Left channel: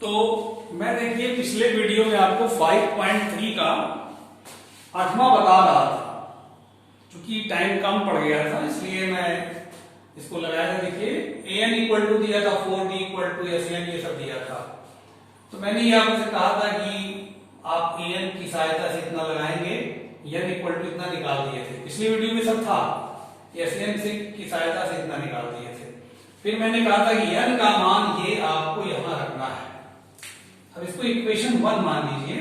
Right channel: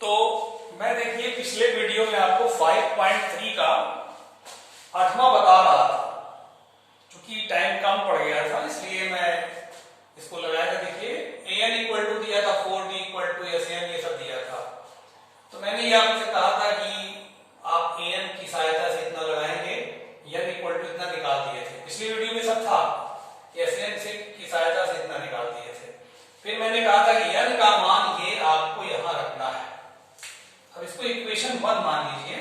तो मैं देखिए पिछले वीडियो में आपको 5.3 का 8वां बता रहा था, क्योंकि टाइम कम पड़ गया था इसलिए मैं इसको लगाया था। देखिए an इक्वल टू दिया था 4d इक्वल टू SN ये सब दिया था। तो मैंने ये आपसे कहा था कि आप an की सहायता से इतना लगाएंगे, n इक्वल टू इतना निकाल दिए थे। पिछली वीडियो में सब था, SN से की सहायता से इतना निकाल दिए थे। फिर मैंने कहा था कि n का मान ये आपको यहां रखना है। अब इसको इक्वेशन 1 मान लीजिए,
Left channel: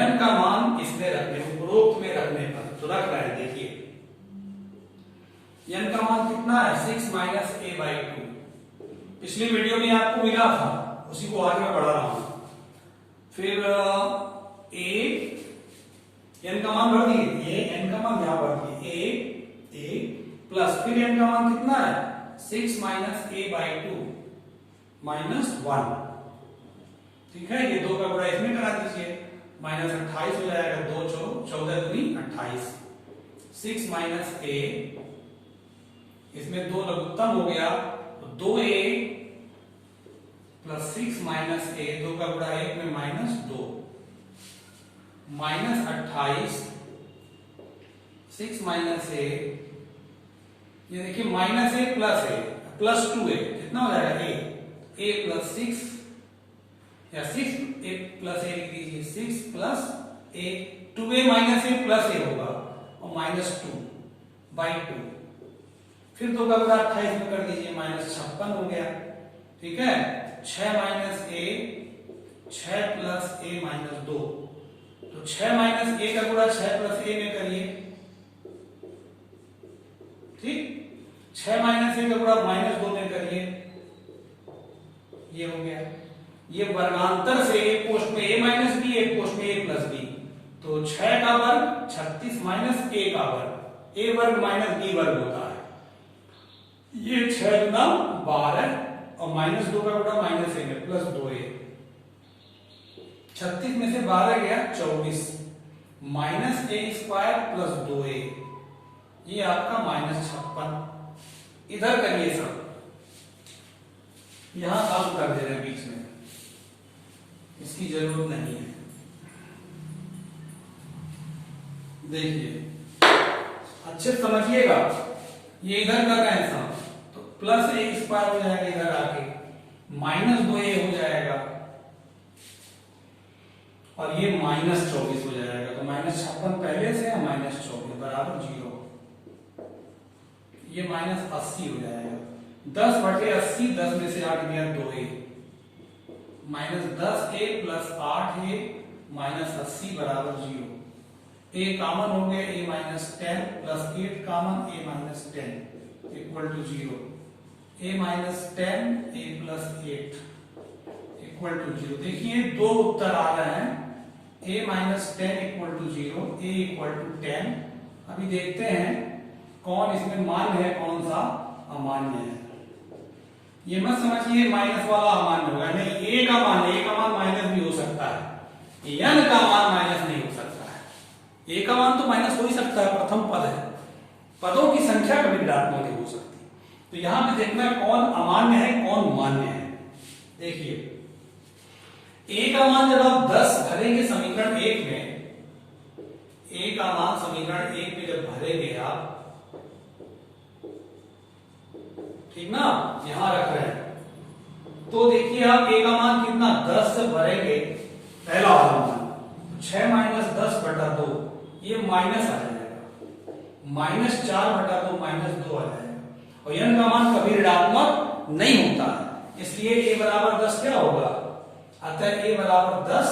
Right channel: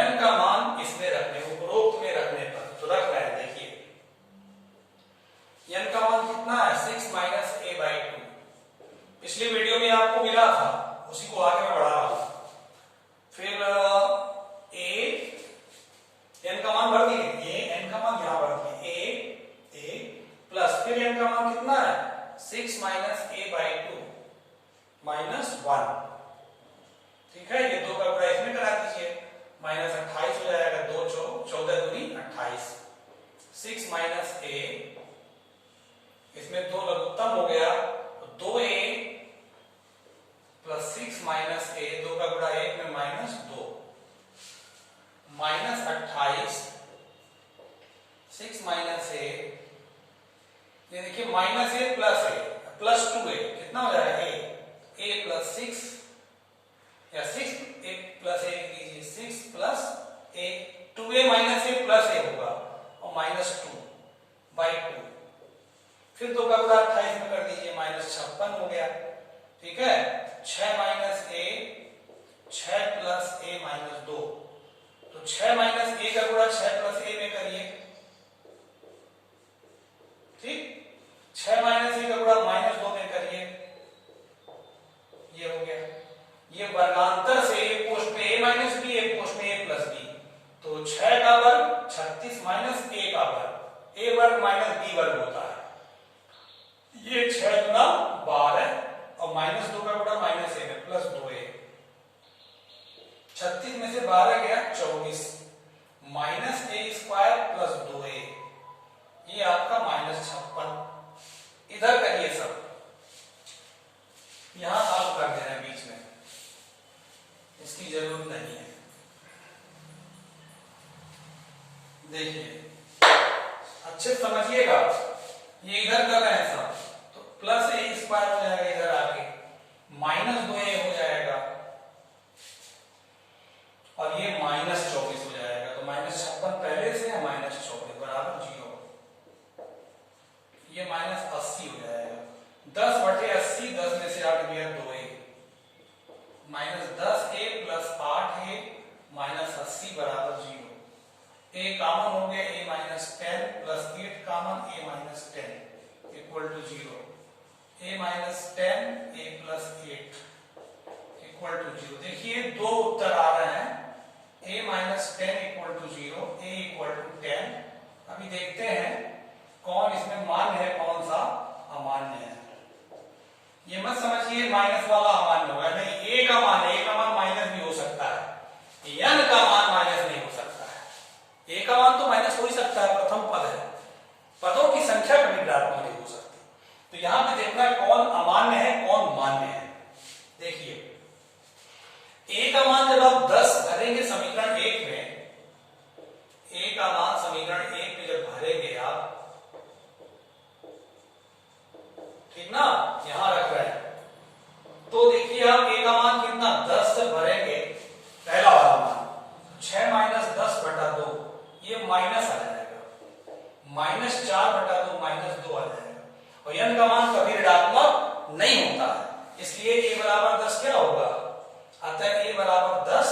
n का मान इसमें रखने, उपरोक्त में रखने पर तो रख रहे हैं। देखिए n का मान कितना है 6 माइनस a/2। पिछली वीडियो में आपको मिला था, उसी को आगे मैं बढ़ा रहा हूं। फिर n का मान भर दिए, n का मान यहां भर दिए a प्लस फिर n का मान कितना है 6 माइनस a/2 माइनस 1। ठीक है, ये 2 का गुणा इसमें करा दीजिए, माइनस 28 हो जाएगा। 2 14 दूनी 28। 6 माइनस a, इसमें 2 लघुत्तम हो गया तो 2a प्लस 6 माइनस a, 2 का गुणा 1 में माइनस 2 माइनस 28। 6 माइनस a, ये देखिए माइनस a प्लस 2a कितना हो जाएगा a प्लस 6 या 6a प्लस a लीजिए, 6 plus a 2a minus a plus a होगा और माइनस 2/2। फिर 2 का गुणा 28 में कर दीजिए, माइनस 56 हो गया। ठीक है, 6 minus a 6 plus a minus 2, तो 6 माइनस a का गुणा 6 प्लस a में करिए। ठीक, 6 माइनस a का गुणा माइनस 2 में करिए, ये हो गया। ये वर्गांतर से एक पोस्ट में a माइनस b, एक पोस्ट में a प्लस b, तो 6 का वर्ग 36 माइनस a का वर्ग, a वर्ग माइनस b वर्ग होता है। ये 6 गुना 12 और माइनस 2 का गुणा माइनस a में प्लस 2a। 36 में से 12 गया 24 minus a square plus 2a, ये आपका माइनस 56। इधर करिए सब, यहां आप कर दे रहे हैं बीच में, इसकी जरूरत नहीं है। देखिए अच्छे समझिएगा, ये इधर कर रहे हैं सब, तो प्लस a स्क्वायर हो जाएगा, इधर आके माइनस 2a हो जाएगा और ये माइनस 24 हो जाएगा। तो माइनस 56 पहले से है, माइनस 24 बराबर 0। ये माइनस 80 हो जाएगा। 10/80, 10 में से 8 गया 2a, minus 10a plus 8a minus 80 बराबर 0। a कॉमन हो गया, a minus 10 plus 8 common, a minus 10 equal to 0। a minus 10 a plus 8 equal to 0। देखिए 2 उत्तर आ रहे हैं, a minus 10 equal to 0, a equal to 10। अभी देखते हैं कौन इसमें मान्य है, कौन सा अमान्य है। ये मत समझिए माइनस वाला अमान्य होगा, नहीं, a का मान है, a का मान माइनस भी हो सकता है, n का मान माइनस नहीं हो सकता है। a का मान तो माइनस हो ही सकता है, प्रथम पद है, पदों की संख्या कभी ऋणात्मक नहीं हो सकती। तो यहां पे देखना है कौन अमान्य है कौन मान्य है। देखिए a का मान जब आप 10 भरेंगे समीकरण 1 में, a का मान समीकरण 1 में जब भरेंगे आप, ठीक ना, यहां रख रहे हैं, तो देखिए आप a का मान कितना 10 से भरेंगे, पहला वाला मान 6 माइनस 10/2, ये माइनस आ जाएगा, माइनस 4/2 माइनस 2 आ जाएगा। और n का मान कभी ऋणात्मक नहीं होता है, इसलिए a बराबर 10 क्या होगा, अतः a बराबर 10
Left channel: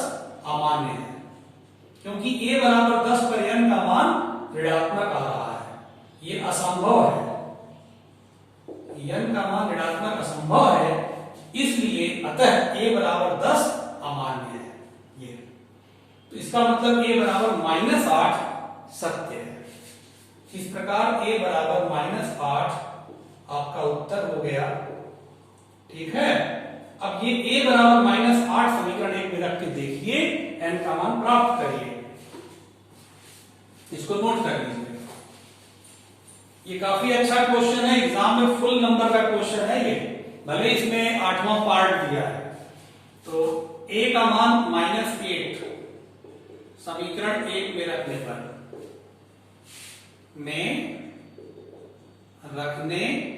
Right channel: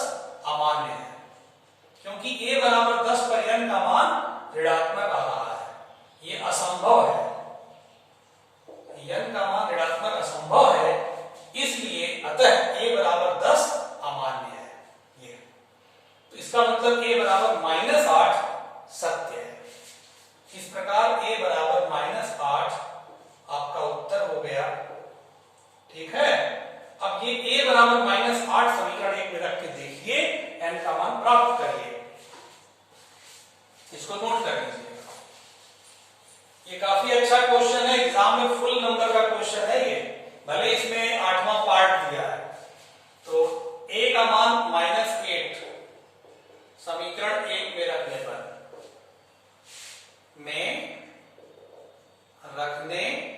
अमान्य है, क्योंकि a बराबर 10 पर n का मान ऋणात्मक आ रहा है, ये असंभव है, n का मान ऋणात्मक असंभव है, इसलिए अतः a बराबर 10 अमान्य है। ये तो इसका मतलब a बराबर -8 सत्य है। इस प्रकार a बराबर -8 आपका उत्तर हो गया। ठीक है, अब ये a बराबर -8 समीकरण 1 में रख के देखिए, n का मान प्राप्त करिए। इसको नोट कर लीजिए, ये काफी अच्छा क्वेश्चन है, एग्जाम में फुल नंबर का क्वेश्चन है ये, भले इसमें 8वां पार्ट दिया है। तो a का मान -8 समीकरण 1 में रखने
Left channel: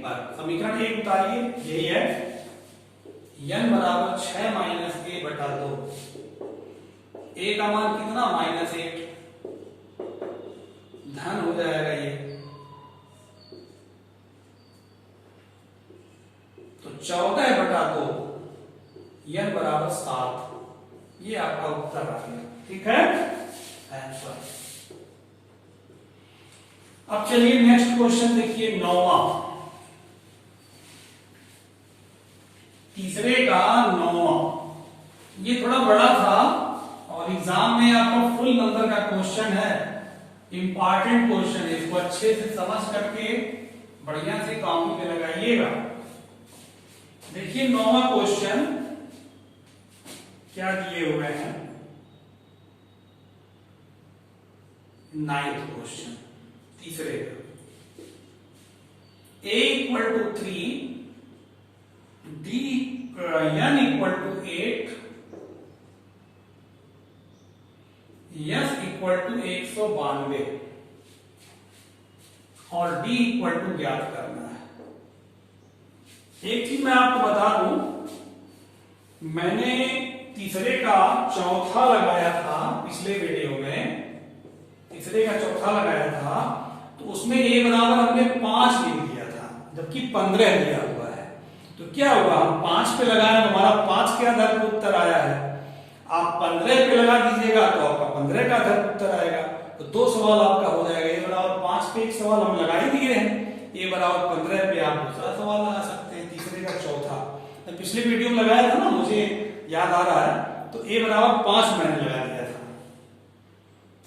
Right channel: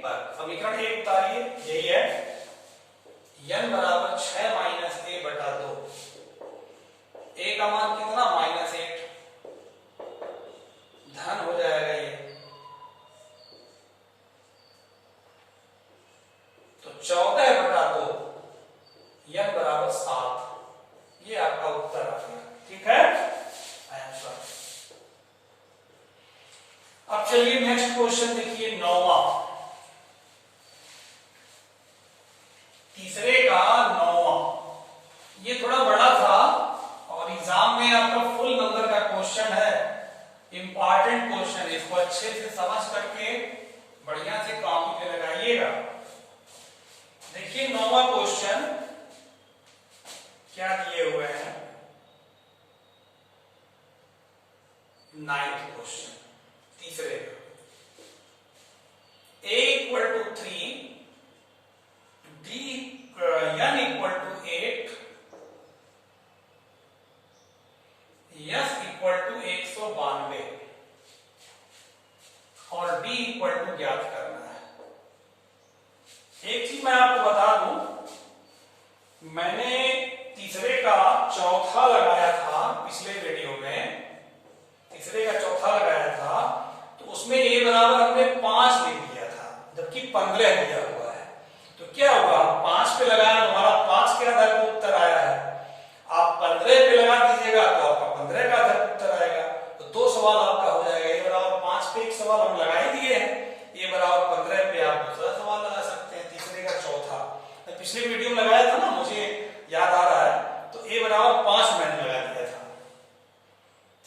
पर समीकरण 1 उतारिए, यही है n बराबर 6 माइनस a बटा 2। a का मान कितना -8 धन हो जाएगा ये, तो 14 बटा 2 n बराबर 7। ये आपका उत्तर आ गया, ठीक है आंसर। अब चलिए नेक्स्ट क्वेश्चन देखिए, 9वां, तीसरे का 9वां। ये थोड़ा बड़ा था और एग्जाम में आपका फुल नंबर का क्वेश्चन है, इंपॉर्टेंट क्वेश्चन है। इसको अच्छे से समझ करके बढ़िया से कॉपी पे लगाइएगा। देखिए 9वां क्वेश्चन क्या दिए हुए हैं, 9th क्वेश्चन तीसरे का, a = 3, n = 8, s = 192 और d = ज्ञात करना है। एक चीज मैं आपको बता दूं, मैंने तीसरे का चौथा लगाया था पिछले वीडियो में, तीसरे का चौथा लगाया था तो उसमें a बराबर हमने 5 ले लिया था, जबकि 15 लिया हुआ है। तो क्या हुआ, 5 पे लगाया तो हमारा 5 के आधार पर उत्तर आया है। आप 15 पे लगा दीजिएगा तो आपका 15 का आधार पर उत्तर आएगा। तो 2 सवाल आपका हो जाएगा। a बराबर 5 पे एक सवाल हम लगा ही दिए हैं, a बराबर 15 पे आप दूसरा सवाल लगा सकते हैं, तीसरे का चौथा। तो पिछले वीडियो में लगाया था ना, मुझे याद आ रहा है, तो a बराबर 5 मैंने लगा दिया था,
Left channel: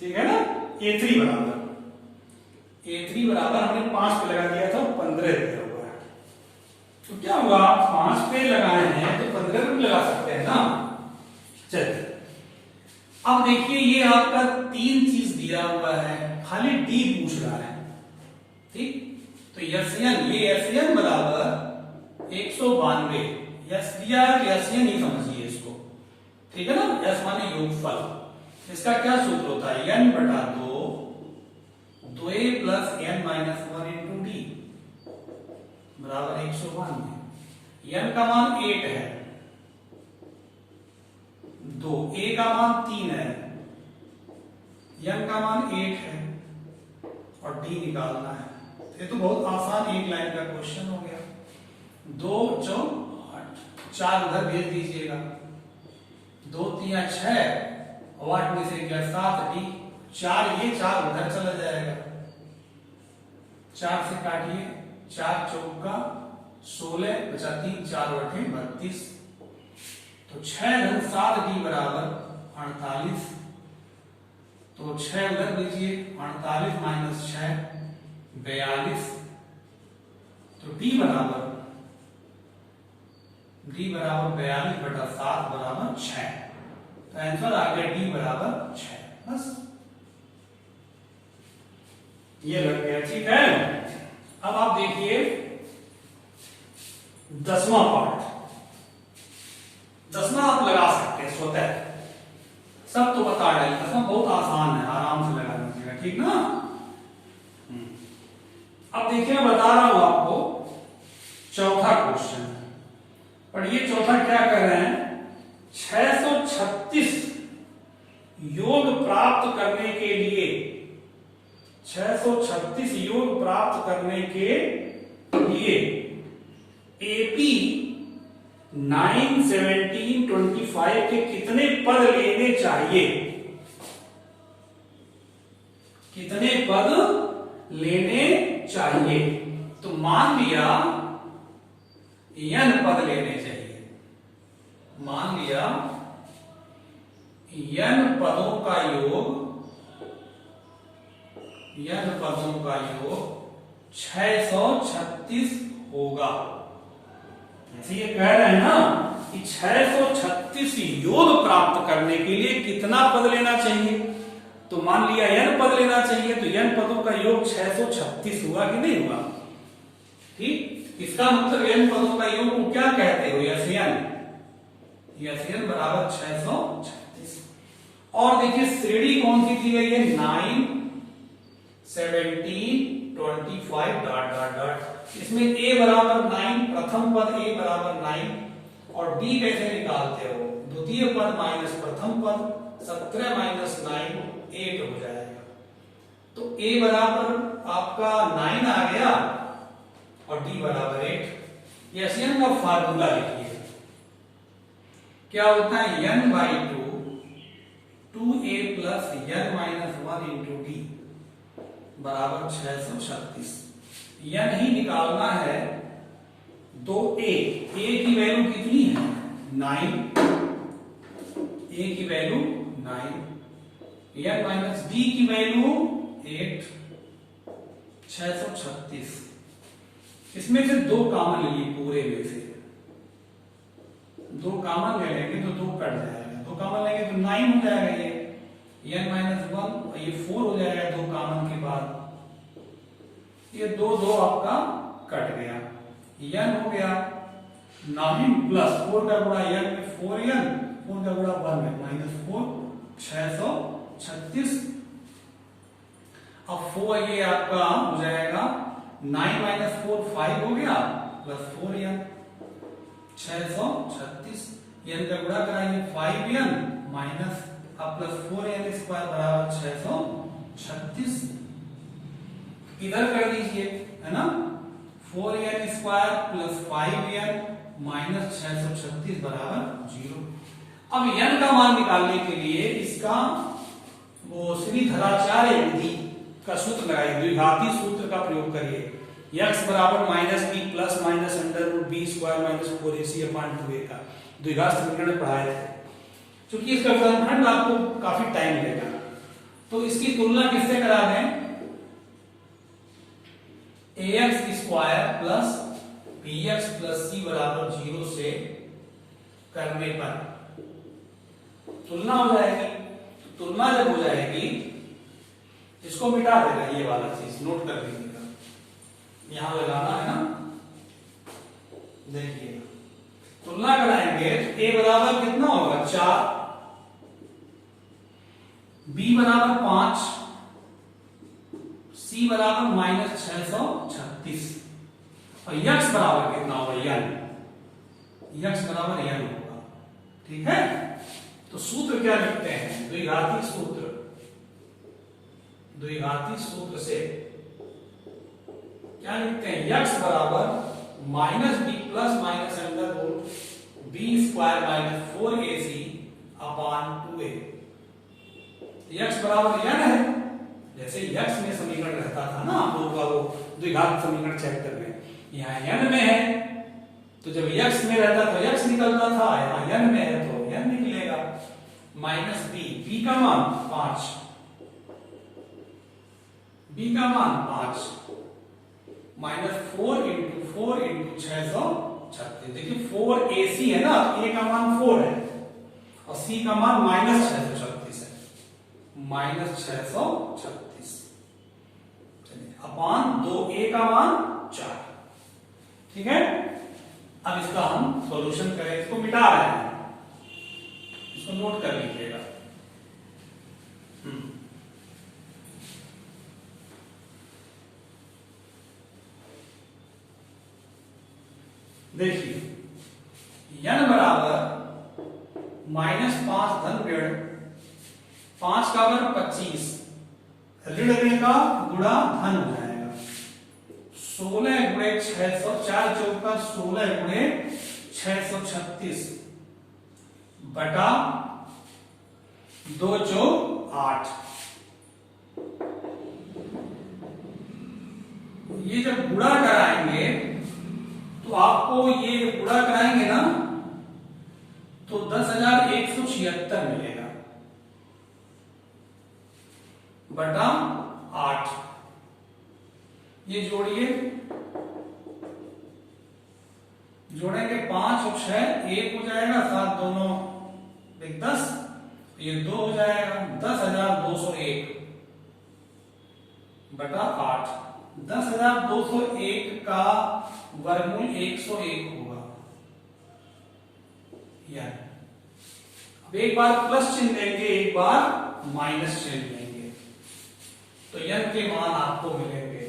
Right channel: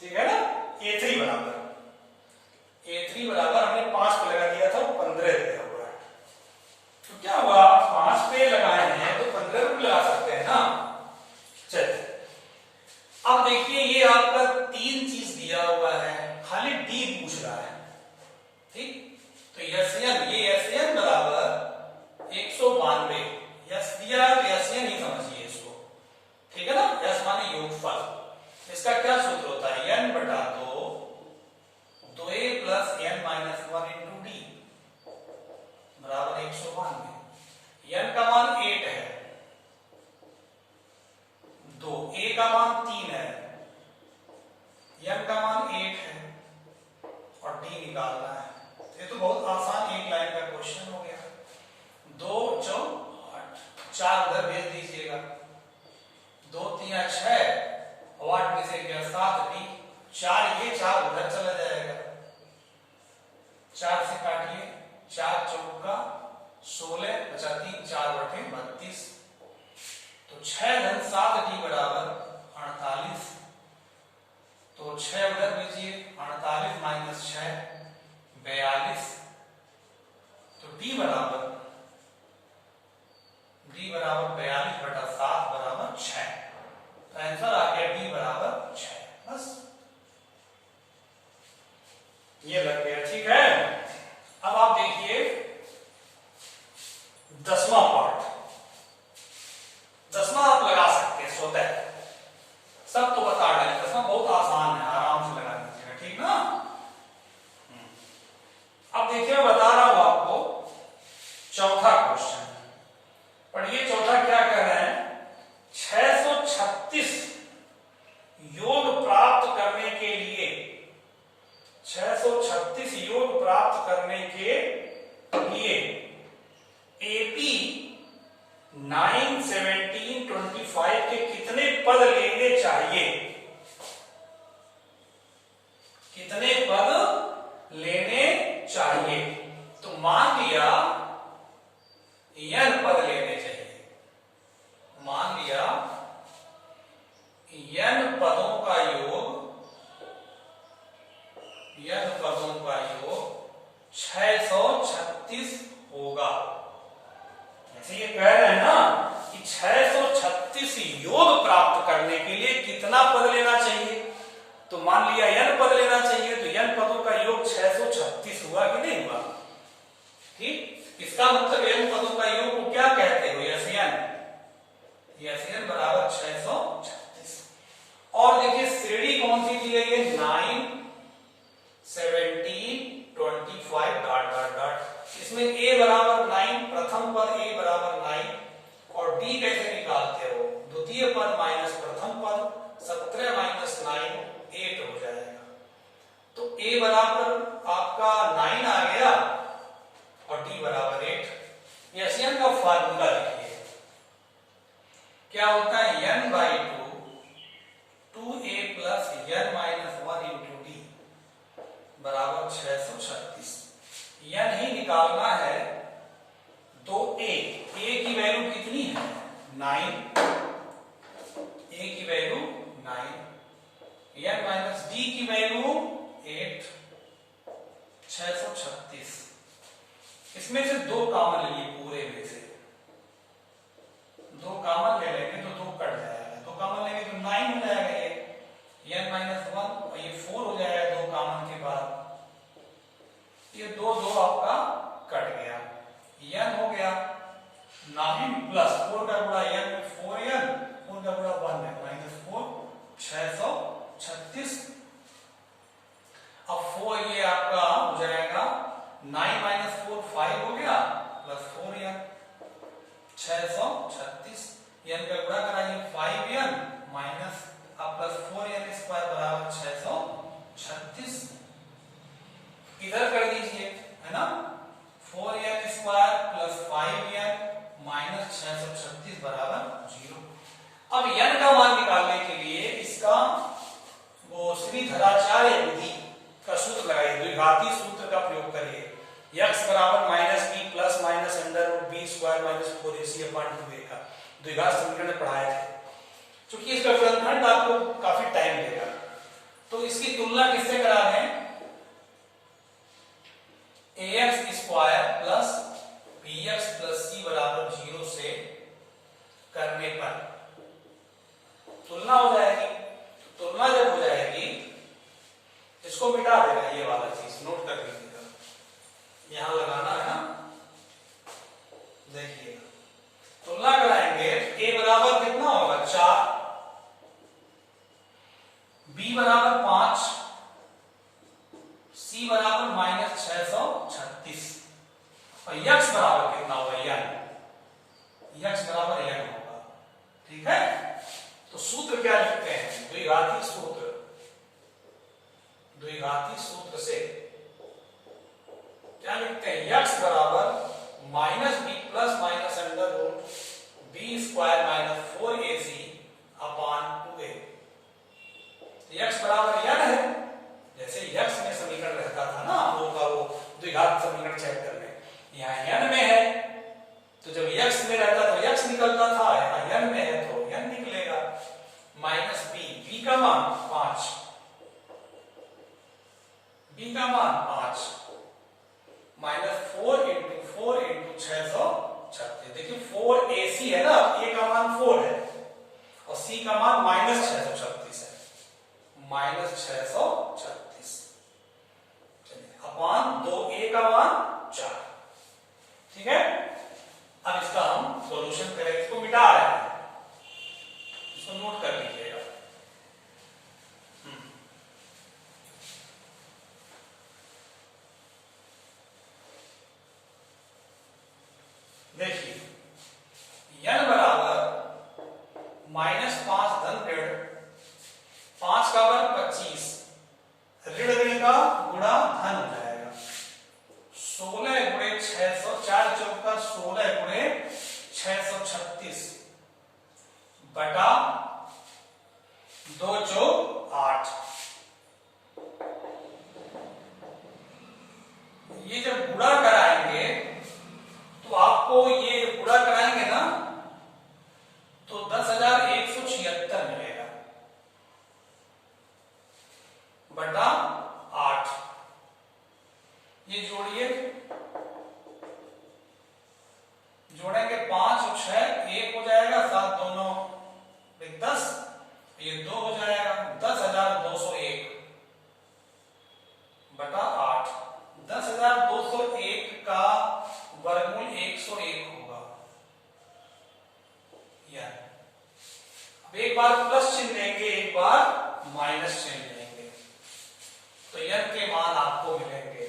ठीक है ना। a3 बराबर हमने 5 पे लगा दिया था, 15 दिया हुआ है। तो क्या हुआ, 5 पे लगाए हैं तो 15 पे लगा सकते हैं ना। चलिए अब देखिए, ये आपका 3 चीज दिया हुआ है, खाली d पूछ रहा है, ठीक। तो SN बराबर 192, यस दिया SN ही समझिए इसको, ठीक है ना। S माने योगफल, इसका क्या सूत्र होता है, n बटा 2, 2a plus n minus 1 into D बराबर 192। n का मान 8 है, 2 a का मान 3 है, n का मान 8 है और d निकालना है। ये तो बहुत आसान एक लाइन का क्वेश्चन हो गया। 2 4 8, 4 उधर भेज दीजिएगा, 2 3 6 और 8 में से गया 7, डी 4, ये 4 उधर चला जाएगा, 4 से काटिए, 4 चौका 16 बचा 3, 4 बटे 32। तो 6 धन 7 डी बराबर 48। तो 6 उधर भेजिए, 48 माइनस 6 42। तो d बराबर 42 बटा 7 बराबर 6। तो आंसर आ गया d बराबर 6। बस ये लग गया, ठीक है। अब आप देखिए 10वां पार्ट, 10वां आप लगा सकते हैं स्वतः, सब तो बता रहे हैं। 10वां बहुत आसान है, आराम से लगा लीजिएगा, ठीक ना। अब देखिए मैं बता रहा हूं आपको, चौथा क्वेश्चन, पर ये चौथा क्या कह रहे हैं, 636 योग प्राप्त करने के लिए, 636 योग प्राप्त करने के लिए एपी 9 17 25 के कितने पद लेने चाहिए, कितने पद लेने चाहिए। तो मान लिया n पद लेने चाहिए, मान लिया n पदों का योग, n पदों का योग 636 होगा। ऐसे ये कह रहे हैं ना कि 636 योग प्राप्त करने के लिए कितना पद लेना चाहिए। तो मान लिया n पद लेना चाहिए, तो n पदों का योग 636 हुआ कि नहीं हुआ, ठीक। इसका मतलब n पदों का योग को क्या कहते हो, SN, एन बराबर 636। और देखिए श्रेणी कौन सी दी गई है, 9, 17, 25 डॉट डॉट डॉट। इसमें a बराबर 9, प्रथम पद a बराबर 9 और b कैसे निकालते हो, द्वितीय पद माइनस प्रथम पद, 17 माइनस 9 8 हो जाएगा। तो a बराबर आपका 9 आ गया और d बराबर 8। एन का फार्मूला लिखिए, क्या होता है, n by 2a plus n minus 1 into D बराबर 636। n ही निकालना है, 2a, a की वैल्यू कितनी है, 9, a की वैल्यू 9, n माइनस d की वैल्यू 8, 636। इसमें से 2 कॉमन लीजिए, पूरे में से 2 कॉमन ले लेंगे तो 2 कट जाएगा, 2 कॉमन लेंगे तो 9 हो जाएगा, ये n माइनस 1 और ये 4 हो जाएगा 2 कॉमन के बाद, ये 2 2 आपका कट गया, n हो गया 9 प्लस 4 का गुणा n में 4n, 4 का गुणा 1 में माइनस 4, 636। अब 4 ये आपका हो जाएगा 9 माइनस 4 5 हो गया प्लस 4n, 636। n का गुणा कराइए 5n माइनस अब प्लस 4n स्क्वायर बराबर 636। इधर कर दीजिए, है ना, 4n square plus 5n minus 636 बराबर 0। अब n का मान निकालने के लिए इसका वो श्रीधराचार्य विधि का सूत्र लगाइए, द्विघाती सूत्र का प्रयोग करिए। x बराबर minus B plus minus under root B square minus 4ac upon 2a का द्विघात समीकरण में पढ़ाया है। क्योंकि इसका वर्गमूल आपको काफी टाइम लेगा, तो इसकी तुलना किससे करा दें, ax square plus bx plus c बराबर 0 से करने पर तुलना हो जाएगी। तो तुलना जब हो जाएगी, इसको मिटा देगा, ये वाला चीज नोट कर लीजिएगा, यहां लगाना है ना। देखिए तुलना कराएंगे तो a बराबर कितना होगा 4, b बराबर 5, c बराबर माइनस 636 और x बराबर कितना होगा n, x बराबर n होगा। ठीक है, तो सूत्र क्या लिखते हैं, द्विघाती सूत्र, द्विघाती सूत्र से क्या लिखते हैं, x बराबर minus B plus minus under root B square minus 4ac upon 2a। x बराबर n है, जैसे x में समीकरण रहता था ना हम लोगों का, वो द्विघात समीकरण चेक करने, यहाँ n में है तो जब x में रहता तो x निकलता था, यहाँ n में है तो n निकलेगा। माइनस b का मान 5, b का मान 5 माइनस 4 इंटू 4 इंटू 636। देखिए 4ac है ना, a का मान 4 है और c का मान माइनस 636 है, माइनस 636 अपॉन 2a का मान 4। ठीक है, अब इसका हम सॉल्यूशन करें, इसको मिटा रहे हैं, इसको नोट कर लीजिएगा। देखिए n बराबर माइनस 5 धन ऋण 5 का वर्ग 25, ऋण ऋण का गुणा धन हो जाएगा, 16 गुणे 600, 4 चौका 16 गुणे 636 बटा 2 चौक 8। ये जब गुणा कराएंगे तो आपको ये गुणा कराएंगे ना तो 10,176 मिलेगा बटा 8। ये जोड़िए, जोड़ेंगे 5 और 6 1 हो जाएगा, 7 दोनों 10, ये 2 हो जाएगा, 10,201 बटा 8। 10,201 का वर्गमूल 101 होगा, एक बार प्लस चिन्ह लेंगे, एक बार माइनस चिन्ह लेंगे, तो n के मान आपको मिलेंगे।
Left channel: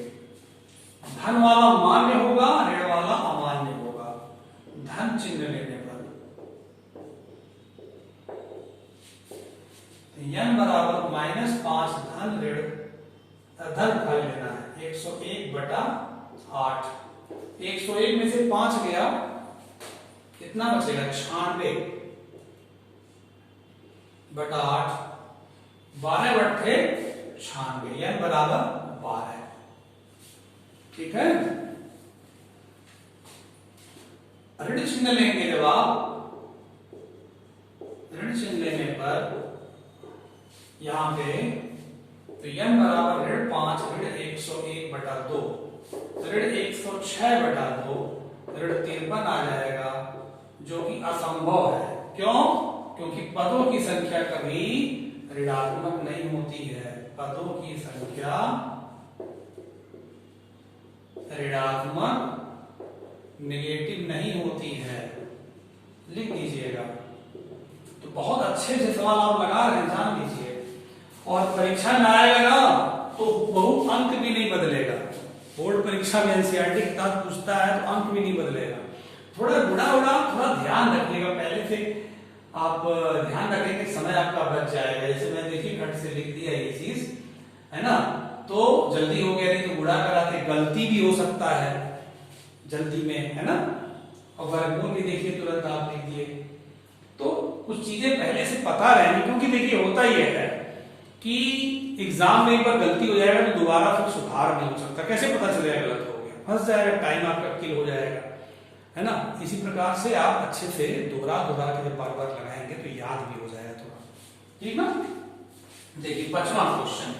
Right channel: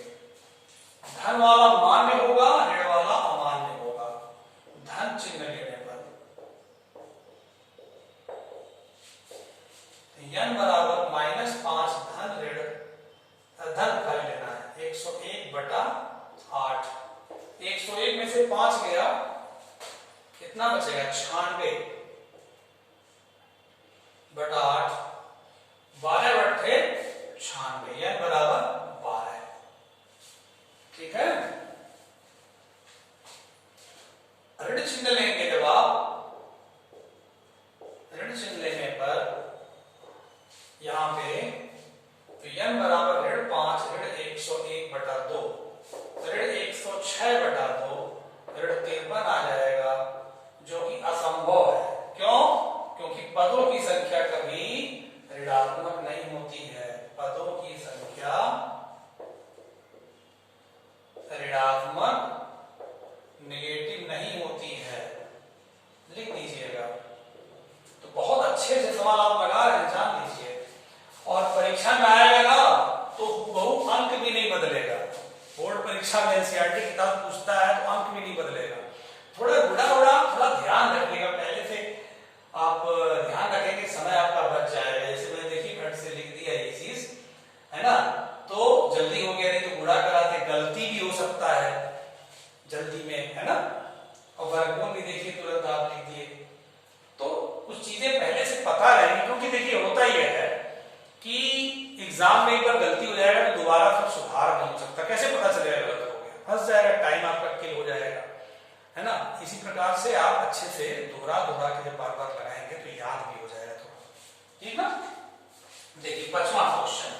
धन वाला मान्य होगा, ऋण वाला अमान्य होगा। धन चिन्ह लेने पर n बराबर -5 धन ऋण धन फल लेना है 101/8। 101 में से 5 गया, कितना बचेगा? 96/8। 12 बटे 96, n बराबर 12। ठीक है। ऋण चिन्ह लेंगे, जब आप ऋण चिन्ह लेने पर यहां पे तो n बराबर ऋण 5 ऋण 101/2 ऋण 106/2 ऋण 53 आ जाएगा, जो कि असंभव है। क्यों? क्योंकि पदों की संख्या कभी ऋणात्मक नहीं होती है। पदों की संख्या ऋणात्मक नेगेटिव नहीं होती है। लिख दीजिएगा। तो बहुत अच्छे से सवाल आप लगा रहे हैं, जान लीजिए। और परीक्षा में आएगा ना तो बहु अंक भी नहीं बदलेगा। बोर्ड परीक्षा में एनसीईआरटी किताब पूछता है तो अंक भी नहीं बदलेगा। थोड़ा थोड़ा ध्यान रखिएगा पहले से। आप ध्यान रखें कि समय आपका बच जाएगा। जैसे मैंने देखिए खट से लिख दिया ये चीज, है ना, तो जल्दी हो गया, नहीं तो बुढ़ा कराते गलती भी हो सकता है जल्दी में, है ना। और वर्गमूल भी देखिए तुरंत आप लिख दिए। तो कुछ चीजें पहले से पता रहेंगी, क्योंकि देखिए होता ही है कि एग्जाम में एक बार गलती हो जाएगा तो दोबारा फिर सुधार नहीं हो सकता। कैसे पता चलेगा गलत हो गया? फंस जाएगा, टाइम आपका किल हो जाएगा, है ना। इसी प्रकार से आप अच्छे से दोहरा के जब बार बार लगाएंगे तो याद भी हो जाएगा थोड़ा। ठीक ना। देखिए 5वां क्वेश्चन,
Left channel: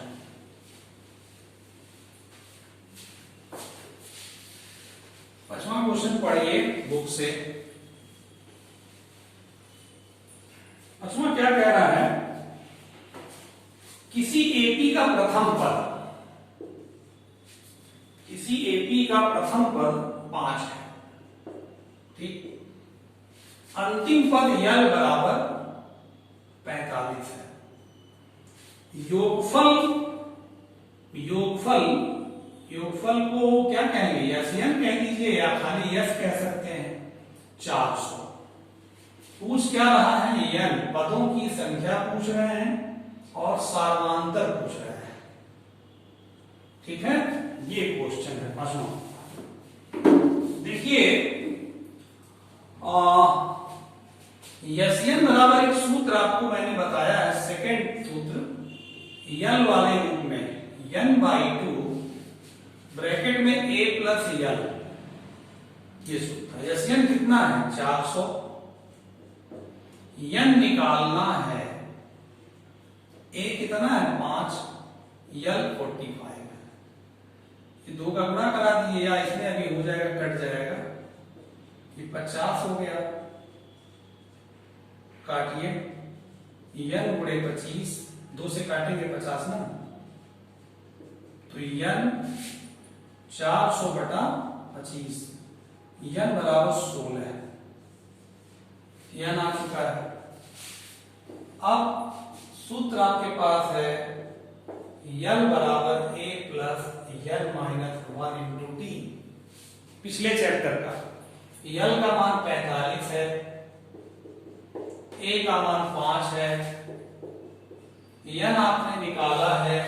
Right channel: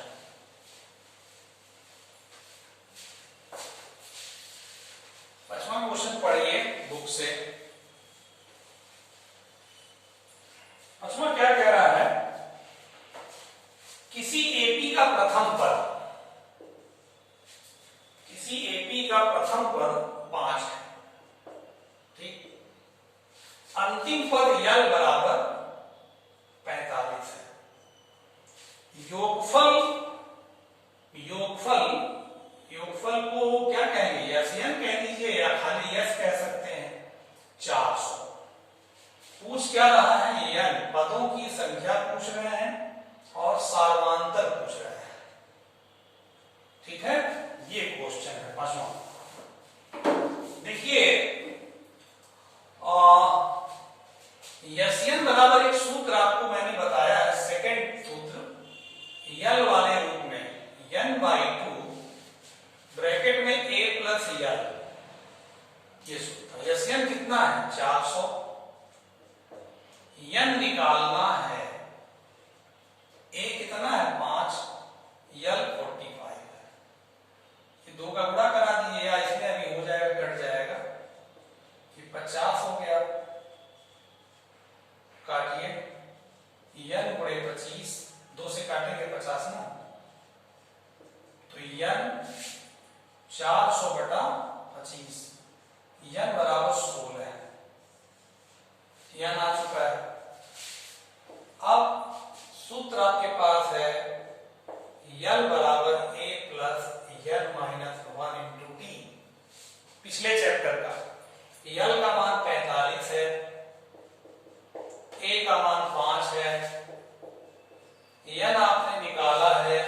पढ़िए बुक से। 5वां क्या कह रहा है? किसी एपी का प्रथम पद, किसी एपी का प्रथम पद 5 है, ठीक। अंतिम पद यल बराबर 45 है। योगफल को क्या कहेंगे? यन कह दीजिए या खाली यस कह सकते हैं। 400। पूछ क्या रहा है? यन पदों की संख्या पूछ रहे हैं और सार्वांतर पूछ रहे हैं। ठीक है, ये क्वेश्चन है 5वां। देखिए यन बराबर एक सूत्र आपको मैंने बताया है, सेकंड सूत्र यल वाले रूप में, n/2 ब्रैकेट में a प्लस यल, ये सूत्र। यन कितना है? 400। n निकालना है, a कितना है? 5, यल 45 है। ये 2 का गुणा करा दीजिए, या इसमें अभी हो जाएगा, कट जाएगा। ये 50 हो गया, काटिए। n गुणे 25, 2 से काटेंगे 50 ना, तो n 400/25, n बराबर 16 है। n आ चुका है। अब सूत्र आपके पास है यल बराबर a plus L minus 1 into T, पिछले चैप्टर का। यल का मान 45 है, a का मान 5 है, n आपने निकाला है,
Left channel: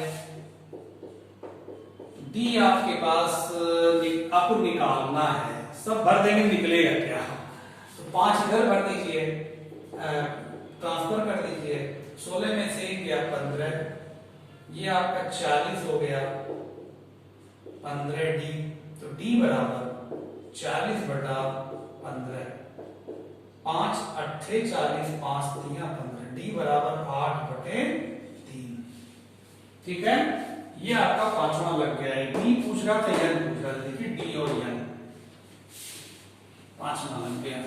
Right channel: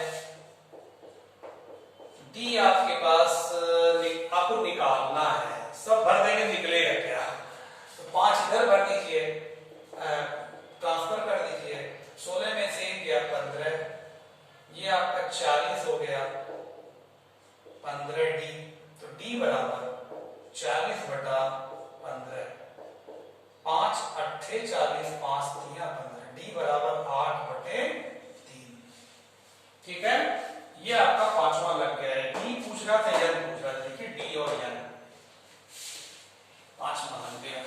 d आपके पास आपको निकालना है। सब भर देंगे, निकलेगा क्या? तो 5 इधर भर दीजिए, ट्रांसफर कर दीजिए। 16 में से गया 15, ये आपका 40 हो गया, 15d। तो d बराबर 40/15, 5 8 40, 5 3 15, d बराबर 8/3। ठीक है, ये आपका 5वां लग गया है। डी पूछ रहा था, यन पूछ रहा था। देखिए डी और यन 5वां लग गया।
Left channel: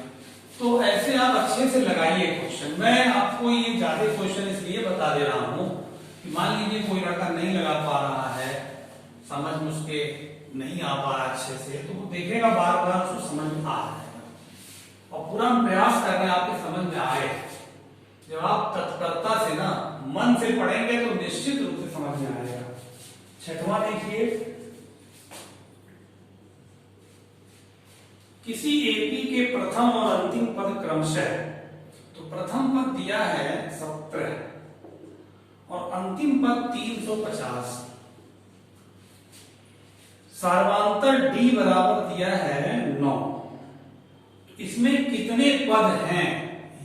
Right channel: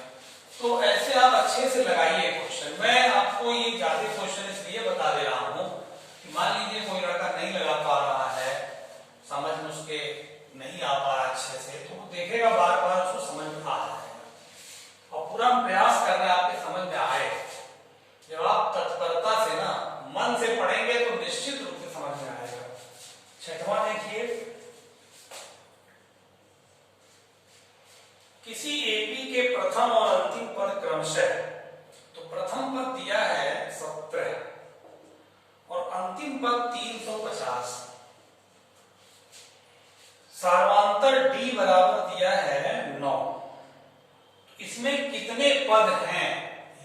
तो ऐसे आप अच्छे से लगाइए क्वेश्चन। मैं आपको ये ज्यादा क्वेश्चन इसलिए बता दे रहा हूं कि मान लीजिए कोई लड़का नहीं लगा पा रहा है, समझ में उसके नहीं आ पा रहा अच्छे से, तो वो देखेगा बार बार, उसको समझ में आ जाएगा। और पूरा प्रयास कर रहे हैं आपके समझ में आए। जब आप से पढ़ेंगे तो निश्चित रूप से समझ में आएगा। छठवां देखिए, किसी एपी के प्रथम और अंतिम पद क्रमशः, तो प्रथम पद दिया है 17 और अंतिम पद 350, सार्वांतर d बराबर दिया है 9। तो इसमें कितने पद हैं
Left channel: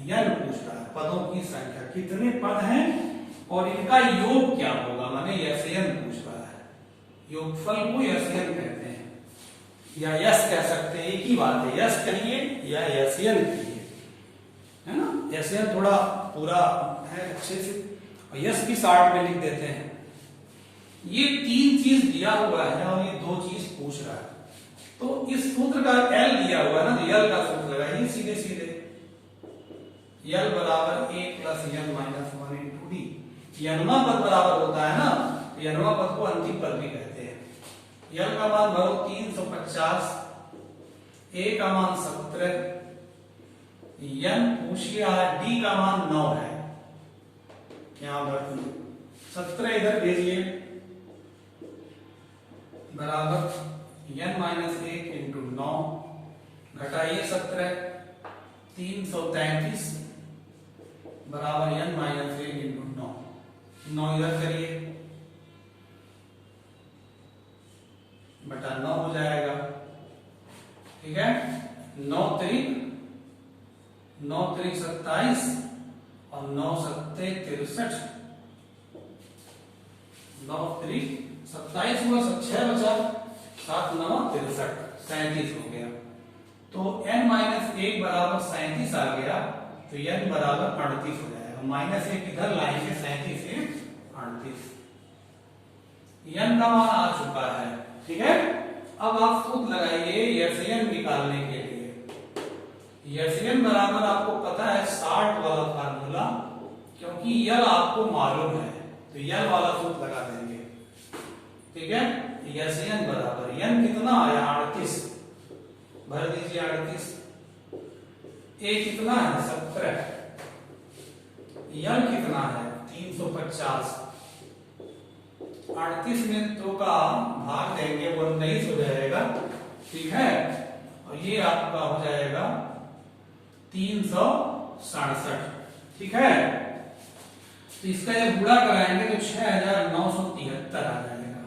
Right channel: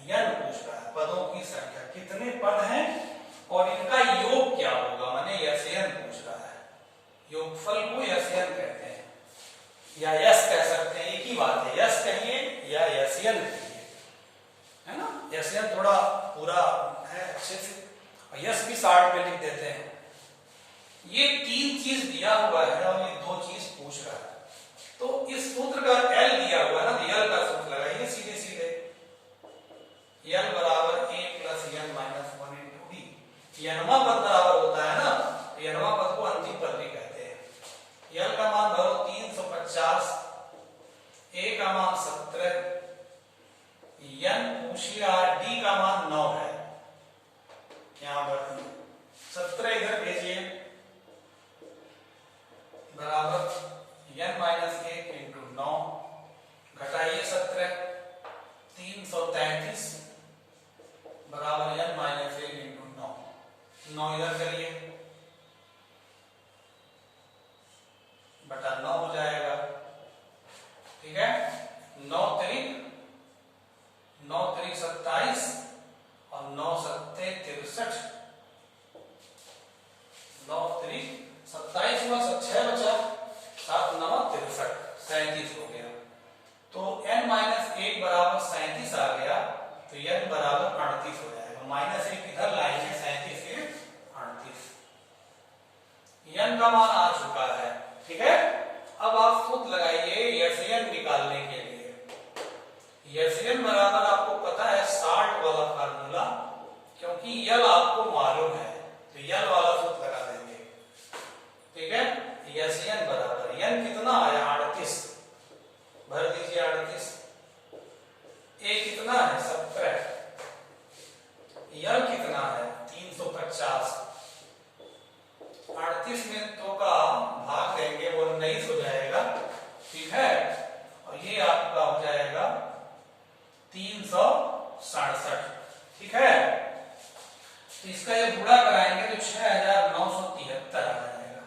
यह पूछ रहा है, पदों की संख्या कितने पद हैं और इनका योग क्या होगा, माने यस्यन पूछ रहा है। योगफल को यस्यन कहते हैं या यस कह सकते हैं, एक ही बात है, यस कहिए या यस्यन कहिए, है ना। यस्यन थोड़ा पूरा है अच्छे से, और यस भी 60 में लिख देते हैं। ये 3 चीज दिया हुआ है और ये 2 चीज पूछ रहा है, तो इस सूत्र का L दिया हुआ है ना, L का सूत्र लगाइए सीधे सीधे, L बराबर a plus n minus 1 into d. यनमा पद बराबर होता है ना, यनमा पद को अंतिम पद भी कहते हैं। L का मान भरो 350, a का मान 17, n पूछ लिया, d का मान 9 है, यहां पर 17 इधर भेजिए, बराबर n माइनस 1 इंटू 9, घटाइए 17, 333 बराबर n माइनस 1 इंटू 9, 9 इधर करिए, बटा 9 हो जाएगा, ठीक है। 9 त्रिक 27 और 9 सत्ते 63, 9 त्रिक 27 हुआ, 6 बचा, 7 9 63, 37 हो गया। तो n माइनस 1 बराबर 37 आ गया, तो n बराबर 38 हो जाएगा, माइनस 1 इधर लाएंगे, 37 से 38, n का मान आ चुका है, ठीक है। अब आप सूत्र लगाइए यस्यन निकालने के लिए। यस्यन बराबर आपको पता है 60 वाला फार्मूला, क्योंकि यल आपको मालूम है, तो यल वाला सूत्र लगा देंगे, ठीक है। यस्यन बराबर n कितना आया 38, भर दीजिए 38, a कितना है 17, यल कितना है 350, 38 में 2 का भाग देंगे वो 19 हो जाएगा, ठीक है। और ये आपका हो जाएगा 367, ठीक है। तो इसका ये गुणा कराएंगे तो 6973 आ जाएगा,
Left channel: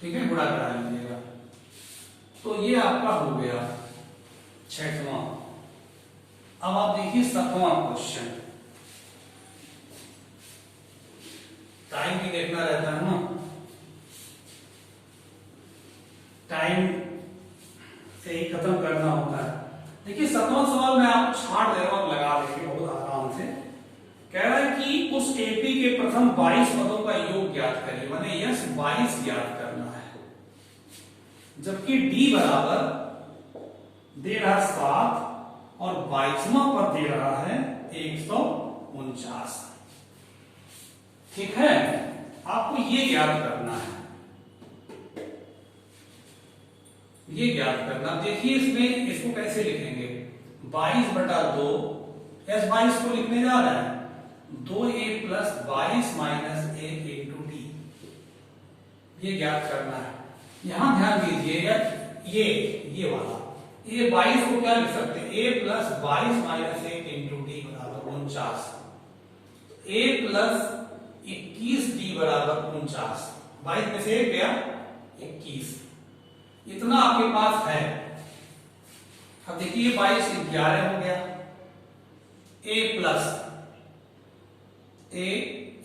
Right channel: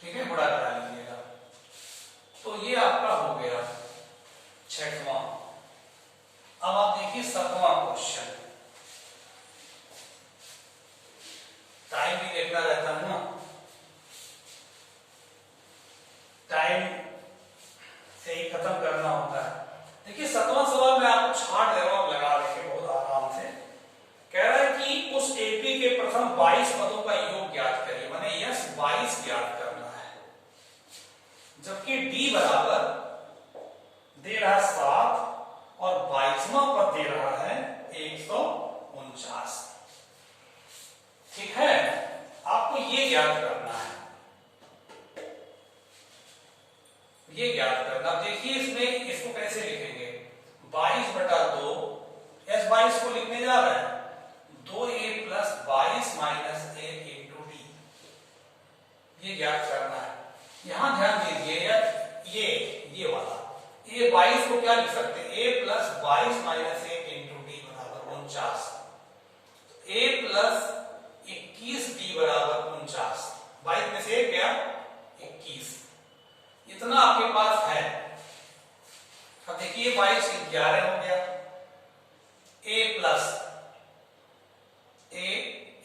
ठीक है, गुणा करा लीजिएगा। तो ये आपका हो गया 6वां। अब आप देखिए 7वां क्वेश्चन, टाइम भी देखना रहता है ना, टाइम से ही खत्म करना होता है। देखिए 7वां सवाल मैं आपको छाट दे रहा हूं, लगा देखिए बहुत आराम से। कह रहा है कि उस एपी के प्रथम 22 पदों का योग ज्ञात करिए, माने यस 22 ज्ञात करना है, जबकि डी बराबर दे रहा 7 और 22वां पद दे रहा है 149, ठीक है। आपको ये ज्ञात करना है, ये ज्ञात करना। देखिए इसमें इसको कैसे लिखेंगे, 22/2, s 22 को लिखने जा रहा है 2a plus 22 minus 1 into D, ये ज्ञात करना है। यहां ध्यान दीजिएगा, ये वाला a 22 को क्या लिख सकते हैं, a plus 22 minus 1 into D बराबर 49, a प्लस 21 डी बराबर 49, 22 में से 1 गया 21, इतना आपके पास है। अब देखिए 22 11 हो गया, a प्लस a,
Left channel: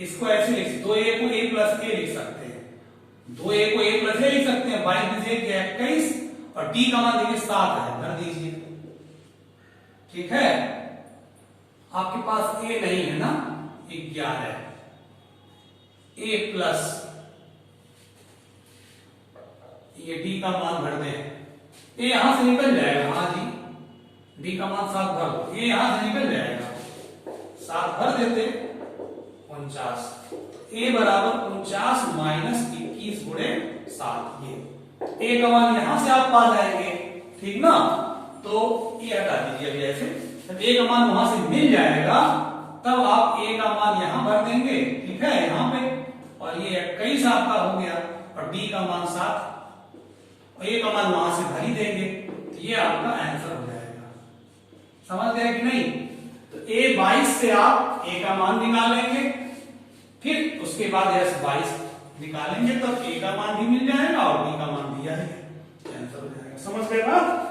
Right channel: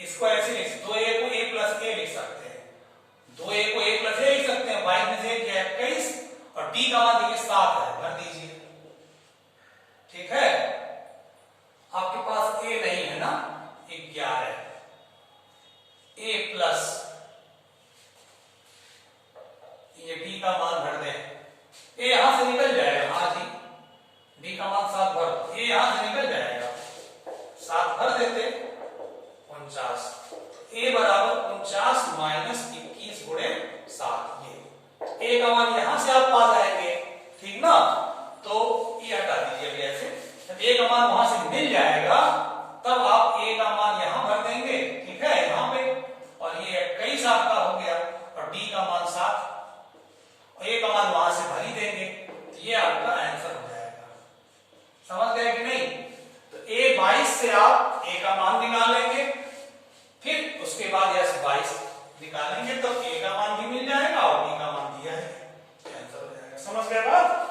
इसको ऐसे लिख, 2a को a प्लस a लिख सकते हैं, 2a को a प्लस a लिख सकते हैं, 22 में से 1 गया 21 और d का मान देखिए 7 है, भर दीजिए, ठीक है। आपके पास a नहीं है ना, 11, a प्लस ये d का मान भर दें, a यहां से निकल जाएगा, हाँ जी, d का मान 7 भर, a यहां से निकल जाएगा, 7 भर देते 49, a बराबर 49 माइनस 21 गुणे 7, ये a का मान यहां से आप पा जाएंगे, ठीक ना। तो ये हटा दीजिए अभी ऐसे, जब a का मान वहां से मिल जाएगा तब आप a का मान यहां भर देंगे, ठीक है, यहां पे, और ये 21 आपका हो गया, और d का मान 7, और a का मान वहां से भर ही देंगे, तो ये आपका आंसर हो जाएगा। समझ गए कि नहीं? तो a 22 से आप a का मान निकालेंगे, फिर उसके बाद यह 22 निकालेंगे तो a का मान भी मिल जाएगा और b का मान दिया है, आंसर हो जाएगा। समझ गए बात?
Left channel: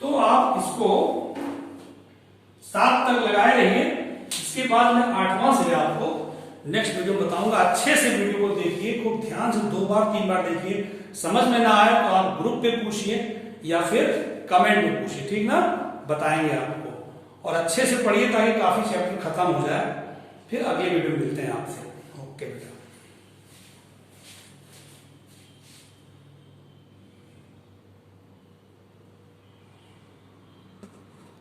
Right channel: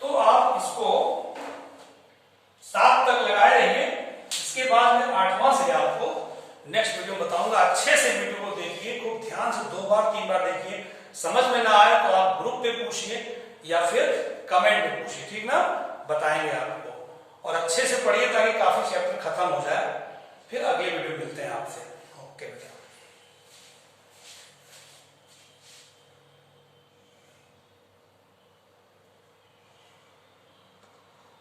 तो आप इसको 7 तक लगाए रहिए, इसके बाद मैं 8वां से आपको नेक्स्ट वीडियो बताऊंगा। अच्छे से वीडियो को देखिए, खूब ध्यान से 2 बार 3 बार देखिए, समझ में ना आए तो आप ग्रुप पे पूछिए या फिर कमेंट में पूछिए, ठीक ना, बताएंगे आपको। और अच्छे से पढ़िए ताकि काफी चैप्टर खत्म हो जाए, फिर अगले वीडियो मिलते हैं आपसे। ओके बेटा।